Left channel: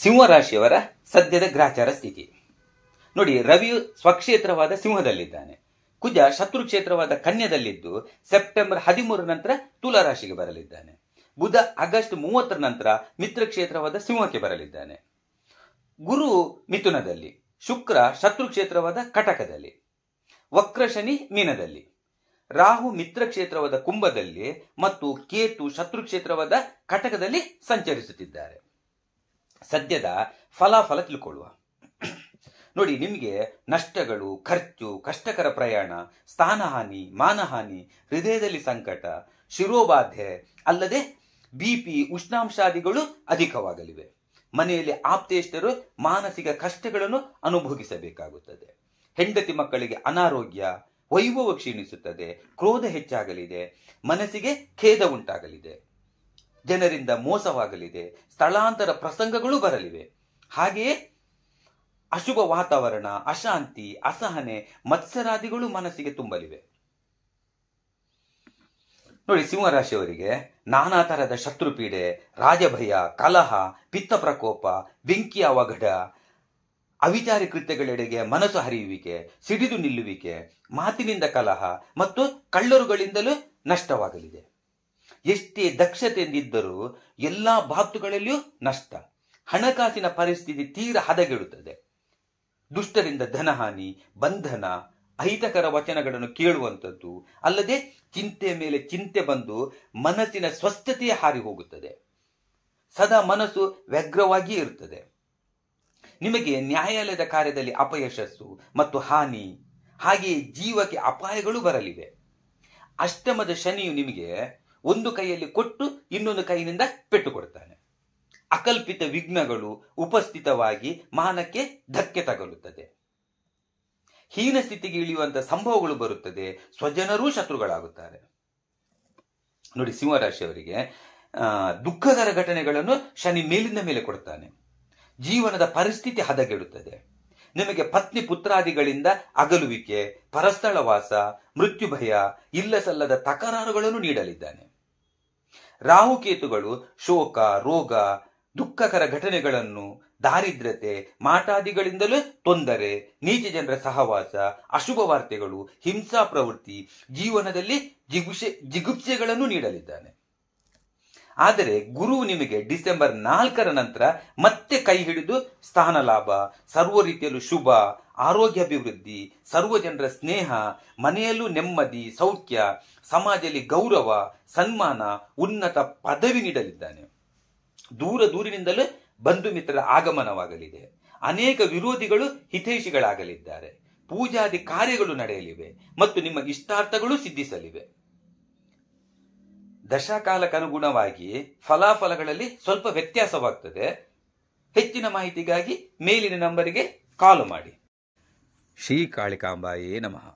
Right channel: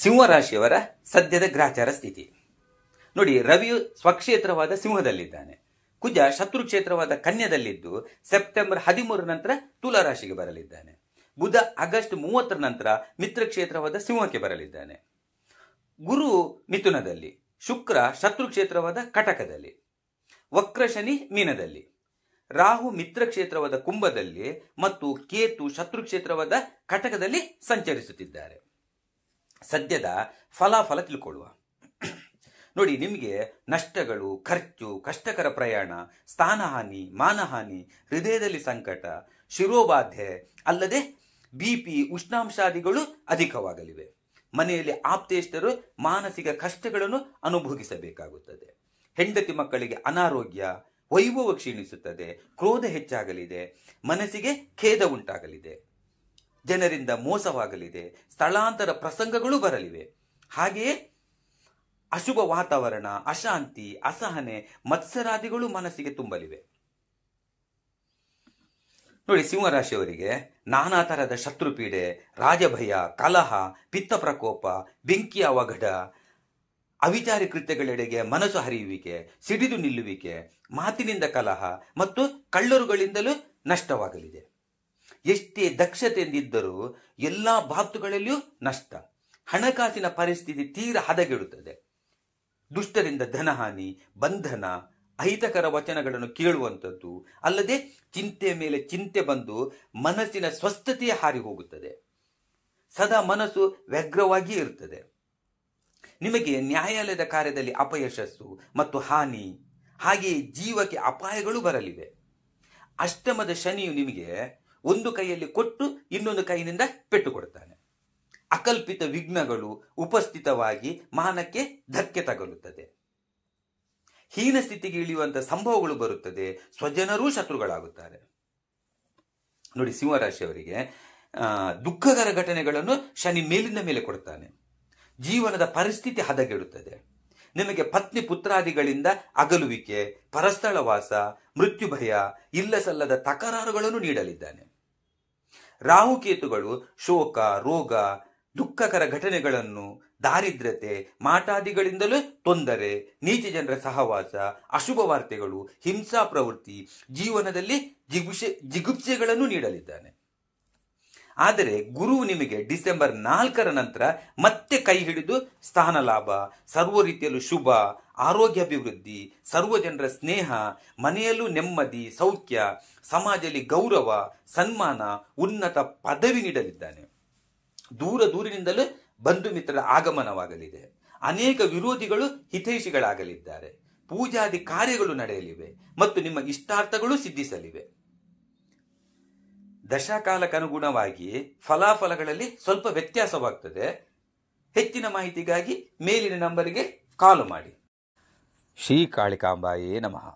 ಸಿಂಹರಾಶಿಯವರ ಸದ್ಯದ ಗ್ರಾಚಾರ ಸ್ಥಿತಿ ನೋಡಿ. ರವಿಯು ಸ್ವಕ್ಷೇತ್ರವಾದ ಸಿಂಹದಲ್ಲಿದ್ದಾನೆ. ಕುಜ ಶತ್ರು ಕ್ಷೇತ್ರವಾದ ಕನ್ಯದಲ್ಲಿದ್ದು ಸೆಪ್ಟೆಂಬರ್ 13 ನಂತರ ತುಲಾ ರಾಶಿಗೆ ಬರಲಿದ್ದಾನೆ. ಬುಧ ಆಗಸ್ಟ್ 30 ನಂತರ ಮಿತ್ರ ಕ್ಷೇತ್ರವಾದ ಸಿಂಹಕ್ಕೆ ಬರಲಿದ್ದಾನೆ. ಗುರು ಮಿಥುನದಲ್ಲಿ, ಶುಕ್ರ ಶತ್ರು ಕ್ಷೇತ್ರವಾದ ಕಟಕದಲ್ಲಿ, ವಕ್ರ ಶನಿ ಮೀನದಲ್ಲಿ, ರಾಹು ಮಿತ್ರ ಕ್ಷೇತ್ರವಾದ ಕುಂಭದಲ್ಲಿ ಮತ್ತು ಕೇತು ಶತ್ರು ಕ್ಷೇತ್ರವಾದ ಕಟಕದಲ್ಲಿ ಸಂಚರಿಸುತ್ತಿದ್ದಾರೆ. ಸದ್ಯದ ಫಲಾಫಲ ತಿಳ್ಕೊಳ್ಳುವ. ನೋಡಿ, ನಿಮಗೆ ನಷ್ಟಗಳು, ಖರ್ಚು, ಕಷ್ಟಕರ ಪ್ರಯಾಣ, ಸ್ಥಾನಹಾನಿ, ಮಾನಹಾನಿ, ಹೃದಯದಲ್ಲಿ ಸಂಕಟ, ಶಿರೋಬಾಧೆ ಅಲ್ಲದೆ ಬಿಪಿ, ಉಷ್ಣಾಂಶಾದಿಗಳು ಅಧಿಕವಾಗಲಿವೆ. ಮನೆಯಲ್ಲಿ ಆಪ್ತೇಷ್ಟರು ಮಾನಸಿಕ ಕಷ್ಟಗಳನ್ನು ಅನುಭವಿಸಬೇಕಾಗುತ್ತದೆ. ಹೆಂಡತಿ ಮಕ್ಕಳಿಗೆ ಅನಾರೋಗ್ಯ, ವೈಭವ ಕ್ಷೀಣಿಸುತ್ತದೆ, ಕ್ರೋಧ ಹೆಚ್ಚಾಗಲಿದೆ, ಮನಸ್ಸಿಗೆ ಖೇದ ಉಂಟಾಗಲಿದೆ, ಜನರಿಂದ ಮೋಸವಾಗಲಿದೆ, ಸ್ಥಳಾಂತರ ಪ್ರಸಂಗಗಳು ಬರಲಿವೆ. ಹಾಗೆಯೇ ಅಶುಭ ವಾತಾವರಣ, ಅಶಾಂತಿ, ಅಸಹನೆ, ಮತ್ಸರಾದಿಗಳು ಮನಸ್ಸಿಗೆ ತುಂಬಲಿವೆ. ನೋಡಿ, ಸಿಂಹರಾಶಿಯವರಿಗೆ ನಾನಾ ತರಹದ ಶತ್ರುಪೀಡೆ, ರಾಜಭಯ, ಕಲಹ, ಪಿತ್ತ ಪ್ರಕೋಪ, ಬೆಂಕಿಯ ಅವಘಡ, ಅವಿಚಾರಿ ಕೃತ್ಯಗಳೆಡೆಗೆ ಮನಸ್ಸು ಹರಿಯುವಿಕೆ, ಸಿಡಿದು ನಿಲ್ಲುವಿಕೆ, ಮಾತಿನಿಂದ ಕಲಹ ಮತ್ತು ಕಳ್ಳರುಗಳಿಂದಲೂ ನಷ್ಟವಾಗಲಿದೆ. ಎಷ್ಟೇ ದಕ್ಷತೆಯಿಂದಿದ್ದರೂ ಎಲ್ಲಾ ಬಾತುಗಳಲ್ಲಿಯೂ ನಷ್ಟ. ಹಣಕಾಸಿನ ಪರಿಸ್ಥಿತಿ ತೀರ ಹದಗೆಡುತ್ತದೆ. ದುಷ್ಟರಿಂದ ಧನಹಾನಿ, ಬಂಧನ, ಅಹಿತಕರ ವಚನಗಳನ್ನು ಕೇಳುವಂಥದ್ದು ಅಲ್ಲದೆ ಚಿಂತೆ ಮೇಲೆ ಚಿಂತೆ ಬಂದು ಮನಸ್ಸಿನ ಸ್ವಸ್ಥತೆಯೇ ಹಾರಿ ಹೋಗುತ್ತದೆ. ಸದಾ ಮನಸ್ಸು ವ್ಯಗ್ರವಾಗಿ ಇರುತ್ತದೆ. ನಿಮಗೆ ನ್ಯಾಯಾಲಯದ ಕಾರ್ಯದಲ್ಲಿ ಅಪಯಶಸ್ಸು ಮತ್ತು ಹಾನಿ, ಹಾಗೆಯೇ ಜೀವಕ್ಕೆ ಅಪಾಯಗಳು ಬರಲಿವೆ. ಅಷ್ಟಮದ ಶನಿಯು ನಿಮಗೆ ಒಂದು ಕೈಯಲ್ಲಿ ಕೊಟ್ಟು ಇನ್ನೊಂದು ಕೈಯಿಂದ ಪೆಟ್ಟು ಕೊಡ್ತಾನೆ. ಅಕಲ್ಪಿತ ವಿಘ್ನಗಳು ಉಪಸ್ಥಿತವಾಗಿ ಮಾನಕ್ಕೆ ಧಕ್ಕೆ ತಗಲುತ್ತದೆ. ಹೀನ ಸ್ಥಿತಿಗೆ ಇಳಿಯುವಂತಹ ಸಂಭವಗಳು ಬರುತ್ತದೆ. ಸ್ವಜನರೂ ಶತ್ರುಗಳಾಗುತ್ತಾರೆ. ನೋಡಿ, ಸಿಂಹರಾಶಿಯವರಿಗೆ ದುಃಖಕರ ಘಟನೆಗಳನ್ನು ಶನಿ ಮೇಲಿಂದ ಮೇಲೆ ಕೊಡ್ತಾನೆ. ಜೀವನದ ಪರಿಸ್ಥಿತಿ ಹದಗೆಡುತ್ತದೆ. ನಿಮಗೆ ಪತ್ನಿ ಪುತ್ರಾದಿಗಳಿಂದ ಅಗಲುವಿಕೆ, ಪರಸ್ಥಳವಾಸ, ಮೃತ್ಯು ಭಯ, ಇಲ್ಲ ಸಲ್ಲದ ತಕರಾರುಗಳನ್ನು ನೀಡಲಿದ್ದಾನೆ. ರಾಹುಕೇತುಗಳು ಶೋಕ, ರೋಗ, ದುಃಖಕರ ಘಟನೆಗಳನ್ನು, ದಾರಿದ್ರ್ಯತೆ, ಮಾಟಾದಿಗಳಿಂದಲೂ ತೊಂದರೆ, ನೀಚ ಜನರ ಸಹವಾಸ, ಅಶುಭ ವಾರ್ತೆಗಳು, ಹಿಂಸಾ ಪ್ರವೃತ್ತಿ, ಜೀವನದಲ್ಲಿ ಜಿಗುಪ್ಸೆಗಳನ್ನು ನೀಡಲಿದ್ದಾನೆ. ಆದರೆ ಗುರು ನಿಮಗೆ ಡಿಸೆಂಬರ್ 4 ನಂತರ ಮತ್ತೆ ಕೈ ಹಿಡಿದು ಸ್ಥಾನ ಲಾಭ, ಸರ್ವ ರೀತಿಯಲ್ಲೂ ಶುಭ, ಆರೋಗ್ಯಾಭಿವೃದ್ಧಿ, ಸರ್ವ ಜನರ ಸ್ನೇಹ, ಮನೆಯಲ್ಲೂ ನೆಮ್ಮದಿ, ಸೌಖ್ಯ, ಸಮಾಜದಲ್ಲಿ ಗೌರವ, ಸನ್ಮಾನ, ಉನ್ನತ ಪದವಿ ನೀಡಲಿದ್ದಾನೆ. ದೂರದಿಂದಲೂ ಬಂಧು ಮಿತ್ರರ ಆಗಮನವಾಗಲಿದೆ. ಅನೇಕ ವಿರೋಧಿಗಳು ಹಿತೈಷಿಗಳಾಗಲಿದ್ದಾರೆ. ಪೂಜಾದಿ ಕಾರ್ಯಗಳು ನಡೆಯಲಿವೆ ಮತ್ತು ನಿಮ್ಮ ಇಷ್ಟಾರ್ಥಗಳು ಸಿದ್ಧಿಸಲಿವೆ. ದಶಾಕಾಲಕ್ಕನುಗುಣವಾಗಿ ಫಲಾಫಲಗಳಲ್ಲಿ ಸ್ವಲ್ಪ ವ್ಯತ್ಯಾಸವಾಗ್ತದೆ. ಹೆಚ್ಚಿನ ಮಾಹಿತಿಗಾಗಿ ಮೇಲಿನ ನಂಬರಿಗೆ ಕಾಲ್ ಮಾಡಿ. ಶ್ರೀ ಕಾಳಿಕಾಂಬಾಯೇ ನಮಃ.